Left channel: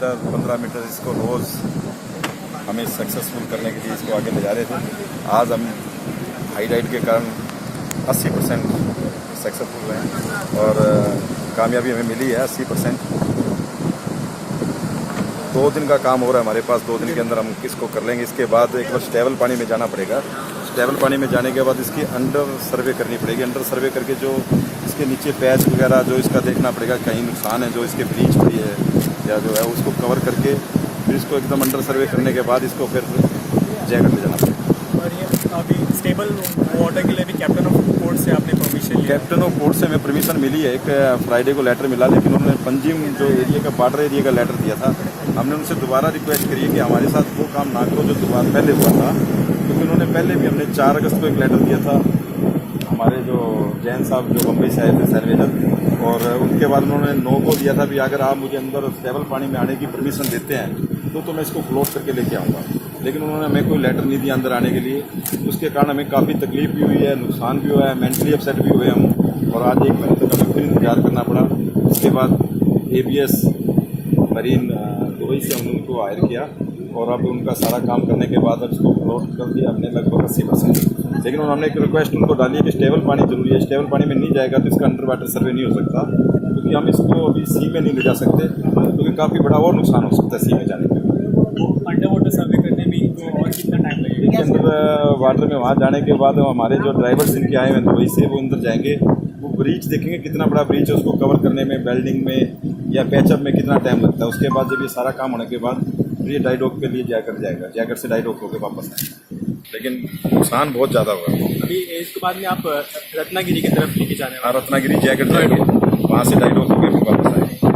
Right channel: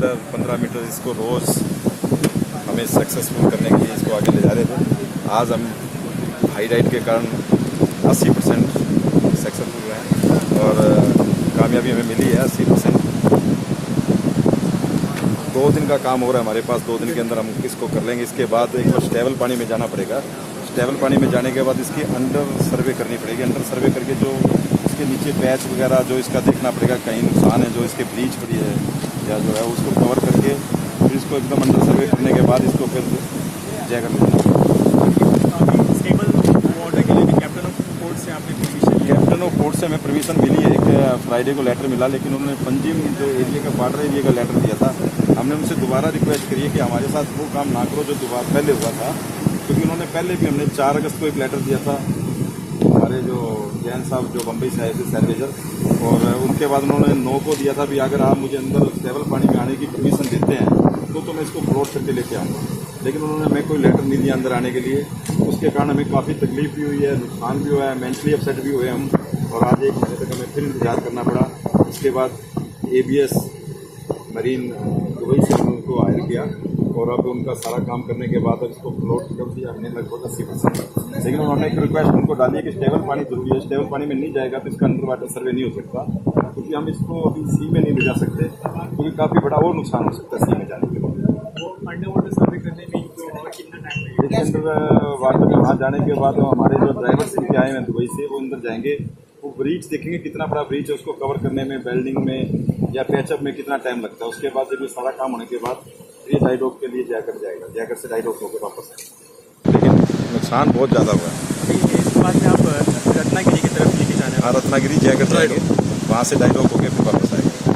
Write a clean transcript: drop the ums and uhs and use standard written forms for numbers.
Metre 15 metre इसको रोज़ हमें successful करने के लिए इसको आगे ले जा रहे थे। आज हम हाई डाइट के कारण 80% सक्सेसफुल रहे हैं और कामयाबी हमें मिली है 80%। 2 दिन का काम हो रहा है हमारे पास, 2 दिन के अंदर हम इसको कर लेंगे। इसके बाद एक बार स्टेबल पानी में जाना पड़ेगा। स्टेबल पानी में जाने के बाद इसकी अंडर सर्वे करनी पड़ेगी। अंडर सर्वे करके जो इसके नीचे पैच वगैरह जो इसका देखना पड़ेगा, कहीं नुकसान है जो इसके ब्लीच पड़ी है या जो है उसको कवर करके फिर इसको एकदम अंडर सर्वे करने के बाद इसको फिर जैकेट ले जाना पड़ेगा। स्टेबल वाटर के लिए भी कैप्टन ऑफ पोर्ट से आपने परमिशन? कैप्टन ऑफ पोर्ट से हमें परमिशन मिली है। एक फ्राइडे को लेटर मिला, लेकिन उन्होंने पंजिम जो एरिया का बॉर्डर एरिया का लेटर दिया था। हमने उनसे दोबारा रिक्वेस्ट करी है कि हमारे साथ वो काम ना करो जो दोबारा पहले हुआ था, क्योंकि उन्होंने पहले भी हमने 4 अगस्त को एक लेटर दिया था हमारे जो जैन साहब जो बम्बई से आए थे सर्वेजर, और उनके बाद उन्होंने 9 को दिया था भी अगर आप मुझे अंदर स्टेबल पानी में आने की परमिशन देते हैं तो मैं इसको क्लोज करके लेके आऊँगा। लेकिन उन्होंने हमें कोई लेटर नहीं दिया अंदर आने के लिए। उसके कारण हमें काफ़ी तकलीफ भी हुई है, नुकसान भी हुआ है, मेंटली अपसेट भी हुए हम, और आज 1 महीने तक हमें फिर इंतजार करना पड़ा। उसके बाद ABS मरीन दुबई से हमने उनको हायर किया और अब उनका सारा काम करने के बाद अब इसको फ्लोट कर दिया हमने लगभग 80%। लेकिन उन्होंने एक रिक्वेस्ट उनको डाली है कि स्टेबल पानी जरूरी है। स्टेबल पानी में नहीं जाएगा तो इसका अंडर वाटर सर्वे नहीं हो सकता, क्योंकि हम इसको अभी सी में नहीं ले जा सकते, क्योंकि काफ़ी बड़ा और नुकसान हो सकता है सी में जाने के बाद। अंडर वाटर सर्वे करने में और कितना टाइम लगेगा? देखिए, अंडर वाटर में वहाँ जाने के बाद हमारे जो ड्राइवर्स इनके आए हैं दुबई से, वो अंदर जाएंगे, वो ब्रीच देखेंगे कितना बड़ा ब्रीच है, उसको कवर करने में, वेल्डिंग में या पैचअप में कितना टाइम लगता है। उसके बाद जब ये सारा काम होने के बाद फिर ये डाइडॉक के लिए जैकेट जाएगा, जैकेट से डाइडॉक होकर वापस आएगा। लेकिन नुकसान बहुत ज़्यादा हुआ है। इसके बाद आप रत्नागिरी की तरफ लेके जाना है? हाँ, रत्नागिरी जैकेट जाएंगे, वहाँ से डाइडॉक होकर फिर वापस आएगा।